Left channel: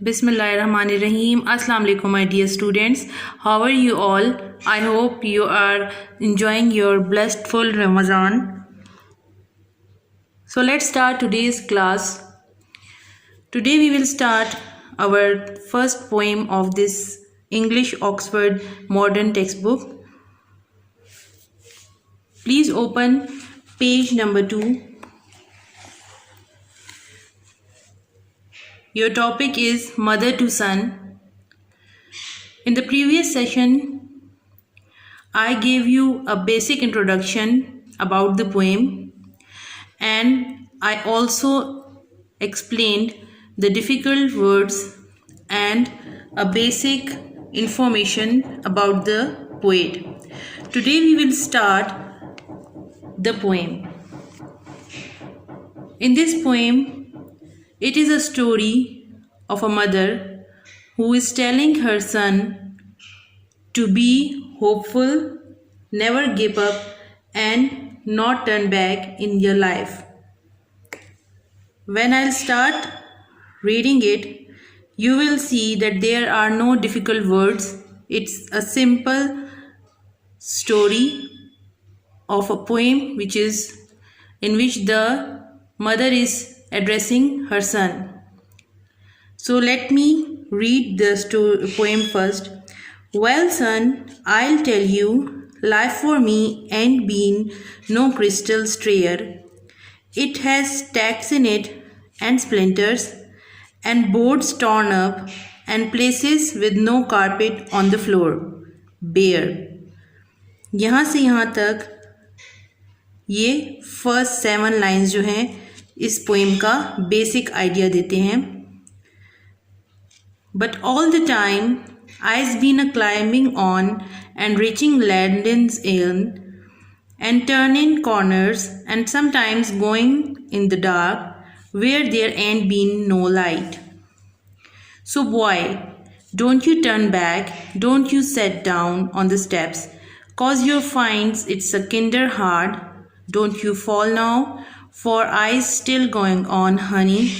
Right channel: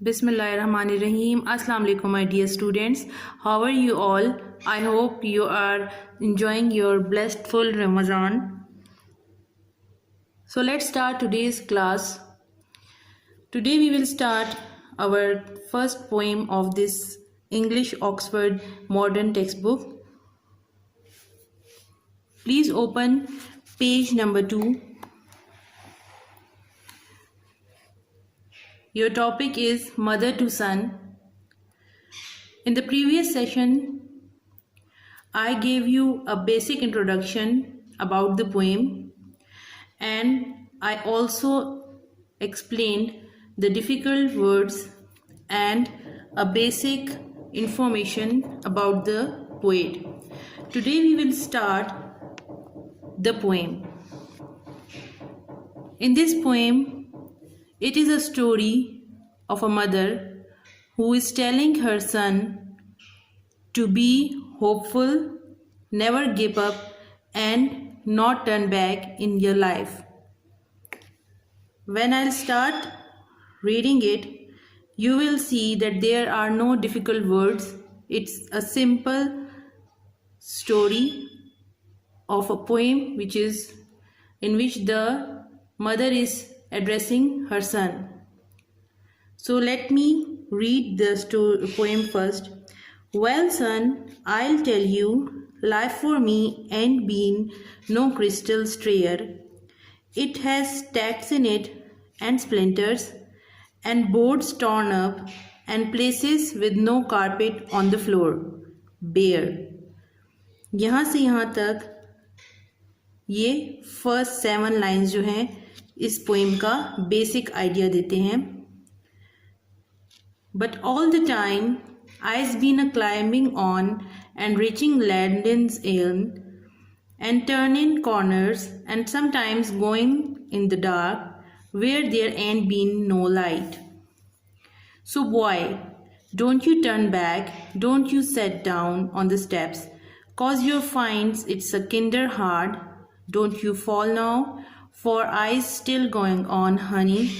Bismillahirrahmanirrahim. Assalamu alaikum, my dear students. How are you all? I hope you are enjoying your blessed full Ramadan. So let's start today's class. Today we will start our first poem of this English Oxford Modern textbook. Please open page number 2. Your topic is Mother to Son. In the previous session, I gave you a basic introduction about the poem, and I also explained the difficult words and a basic information about the poet. Today we will start the poem. In this poem, it is a story of a mother who is telling her son to be hopeful, never give up, and not turn back in your life. When I'll start reading it, you will see that there are no difficult words. It's a simple story of a poem in which the mother is addressing her son. So let me read the poem first. Well, son, I'll tell you, life for me ain't been no crystal stair. It has tacks in it and splinters and boards torn up and places with no carpet on the floor, bare. यहाँ से यहाँ तक ये फर्स्ट 7 लाइन्स जो हैं इस पोएम का basic idea देते हैं. But all the time I've been a climbing on and reaching Landon's Inn and turning corners and sometimes going in the dark where there ain't been no light. So boy, don't you turn back, don't you sit down on the steps, 'cause you finds it's a kinder hard. Don't you fall now, for I's still going on, honey.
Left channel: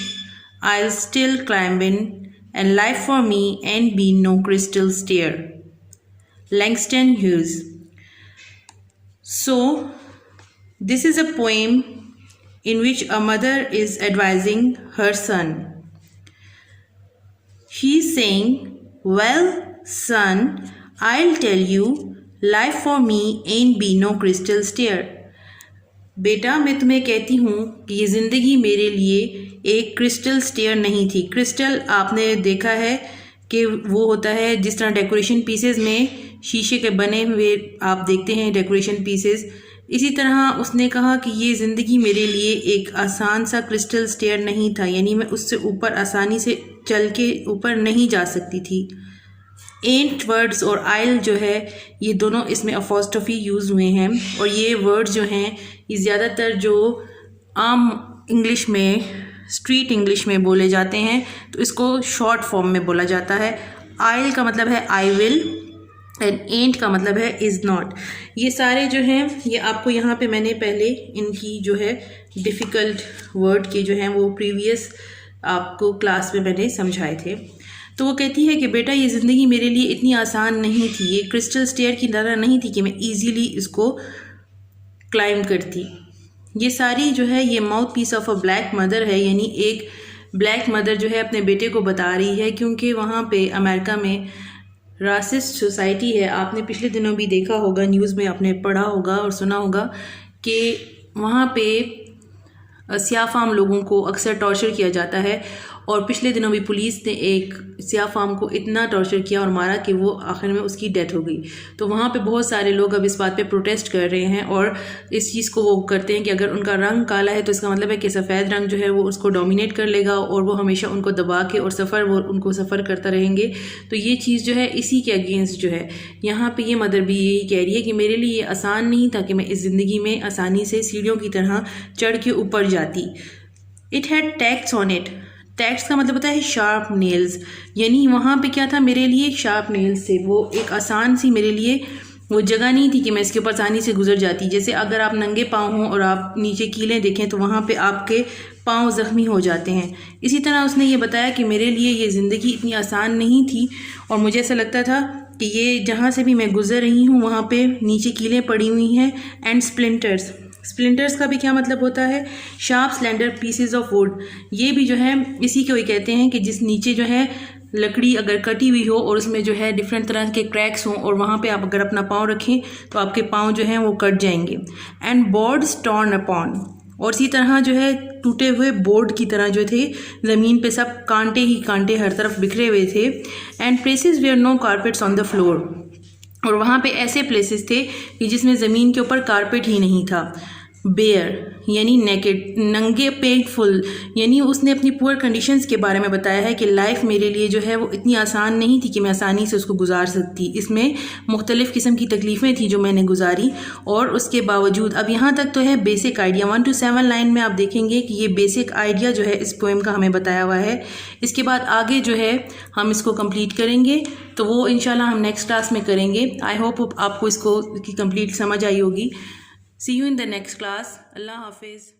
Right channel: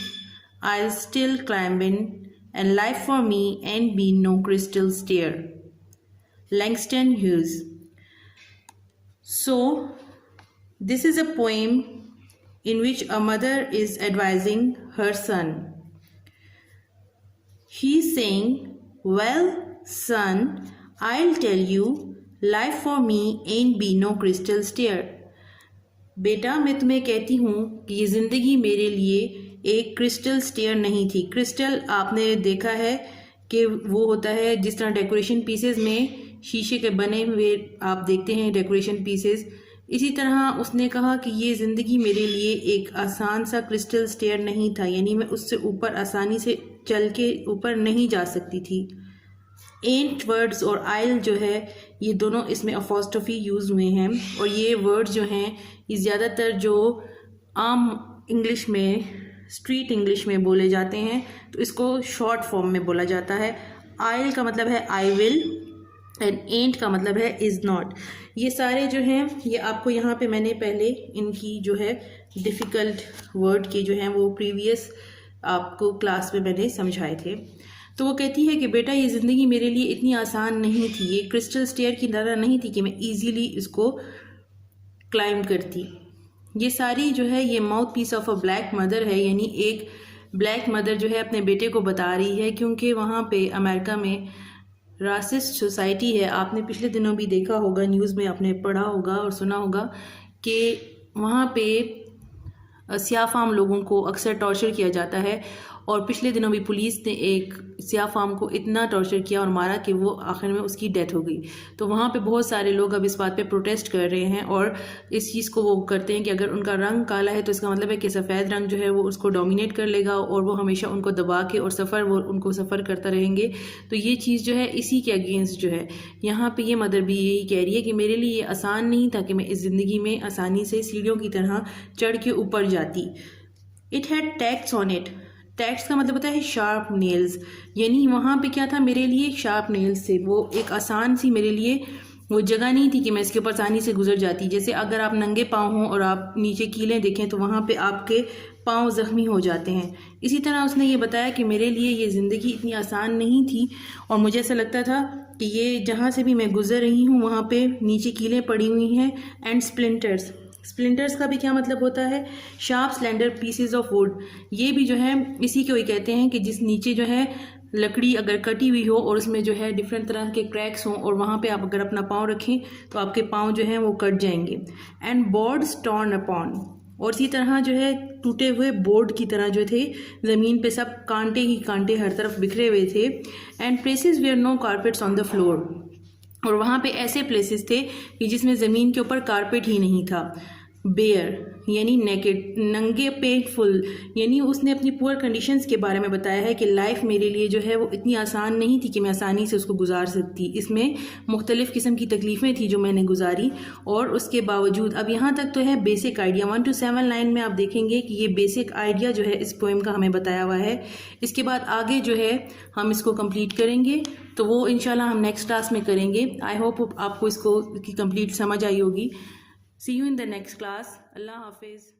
I'll still climbing, and life for me ain't been no crystal stair. Langston Hughes. So, this is a poem in which a mother is advising her son. She's saying, well, son, I'll tell you, life for me ain't been no crystal stair. बेटा, मैं तुम्हें कहती हूँ कि ये ज़िंदगी मेरे लिए एक क्रिस्टल स्टेयर नहीं थी. क्रिस्टल आपने देखा है कि वो होता है जिस तरह डेकोरेशन पीसेस में शीशे के बने हुए आप देखते हैं डेकोरेशन पीसेस. इसी तरह उसने कहा कि ये ज़िंदगी मेरे लिए एक आसान सा क्रिस्टल स्टेयर नहीं था, यानी मैं उससे ऊपर आसानी से चल के ऊपर नहीं जा सकती थी. एंट वर्ड्स और आइल जो है ये दोनों इसमें अपोस्ट्रोफी यूज़ हुए हैं, और ये वर्ड्स जो हैं ये ज़्यादातर जो आम इंग्लिश में स्ट्रीट इंग्लिश में बोले जाते हैं तो इसको शॉर्ट फॉर्म में बोला जाता है. आइल का मतलब है आई विल एंड एंट का मतलब है इज़ नॉट. ये सारे जो हैं ये आपको यहाँ पे मैंने पहले इनकी जो है डिफ़िकल्ट वर्ड के जो हैं वो प्रीवियस आपको क्लास में मैंने समझाए थे. तो वो कहती है कि बेटा ये ज़िंदगी मेरे लिए इतनी आसान नहीं थी, ये क्रिस्टल स्टेयर की तरह नहीं थी कि मैं इजीली इसको क्लाइंब करती. ये सारी जो है ये mouthpiece of a black mother है, यानी एक ब्लैक मदर जो है अपने बेटे को बता रही है, क्योंकि वहाँ पे अमेरिका में रासिस्ट सोसाइटी है. आपने पिछले दिनों भी देखा होगा, न्यूज़ में आपने पढ़ा होगा और सुना होगा कि वहाँ पे स्याह फाम लोगों को अक्सर टॉर्चर किया जाता है. और पिछले दिनों भी पुलिस ने एक स्याह फाम को इतना टॉर्चर किया और मारा कि वो आखिर में उसकी डेथ हो गई. तो वहाँ पे बहुत सारे लोग अब इस बात पे प्रोटेस्ट कर रहे हैं और इस चीज़ को वो करते हैं कि अगर उनका रंग काला है तो इसका मतलब है कि सफ़ेद रंग जो है वो उसको डोमिनेट कर लेगा और वो हमेशा उनको दबा के और उनको सफ़र करता रहेंगे. तो ये चीज़ जो है इसी के अगेंस्ट जो है यहाँ पर ये मदर भी यही कह रही है कि मेरे लिए ये आसान नहीं था कि मैं इस ज़िंदगी में आसानी से सीढ़ियों की तरह चढ़ के ऊपर जाती. It had tax on it. Tax का मतलब होता है शार्प नेल्स, यानी वहाँ पे क्या था मेरे लिए शार्प नेल्स से वो एक आसान सी मेरे लिए वो जगह नहीं थी कि मैं इसके ऊपर आसानी से गुजर जाती. जैसे अगर आप नंगे पाँव हों और आप नीचे कीलें देखें तो वहाँ पे आपके पाँव ज़ख्मी हो जाते हैं। इसी तरह उसने ये बताया कि मेरे लिए ये ज़िंदगी इतनी आसान नहीं थी और मुझे ऐसा लगता था कि ये जहाँ से भी मैं गुज़र रही हूँ वहाँ पे नीचे कीलें पड़ी हुई हैं एंड स्प्लिंटर्स का भी क्या मतलब होता है? Sharp slender pieces of would. ये भी जो है इसी को ही कहते हैं कि जिस नीचे जो है लकड़ी अगर कटी हुई हो और उसमें जो है डिफरेंट तरह के क्रैक्स हों और वहाँ पे आप अगर अपना पाँव रखें तो आपके पाँव जो हैं वो कट जाएंगे। एंड बोर्ड्स टॉर्न अपॉन, और इसी तरह जो है टूटे हुए बोर्ड की तरह जो थे ज़मीन पे सब कांटे ही कांटे हर तरफ बिखरे हुए थे। And places where no carpets on the floor, और वहाँ पे ऐसे प्लेसेस थे कि जिसमें ज़मीन के ऊपर कारपेट ही नहीं था। बेयर यानी नेकेड, नंगे पेटफुल, यानी उसने अपनी पुअर कंडीशंस के बारे में बताया है कि लाइफ मेरे लिए जो है वो इतनी आसान नहीं थी कि मैं आसानी से उसको गुजार सकती। इसमें मुख्तलिफ़ किस्म की तकलीफ़ें थी जो मैंने गुजारी, और उसके बावजूद अब यहाँ तक तो है बेसिक आइडिया 1 to 7 लाइन में आप देखेंगे कि ये बेसिक आइडिया जो है इस पोएम का हमें बताया हुआ है। इसके बाद आगे जो है हम इसको कंप्लीट करेंगे, तो वो इंशाल्लाह हम नेक्स्ट क्लास में करेंगे। आई होप आपको इसको कंप्लीट समझ आई होगी। See you in the next class. Allah Hafiz.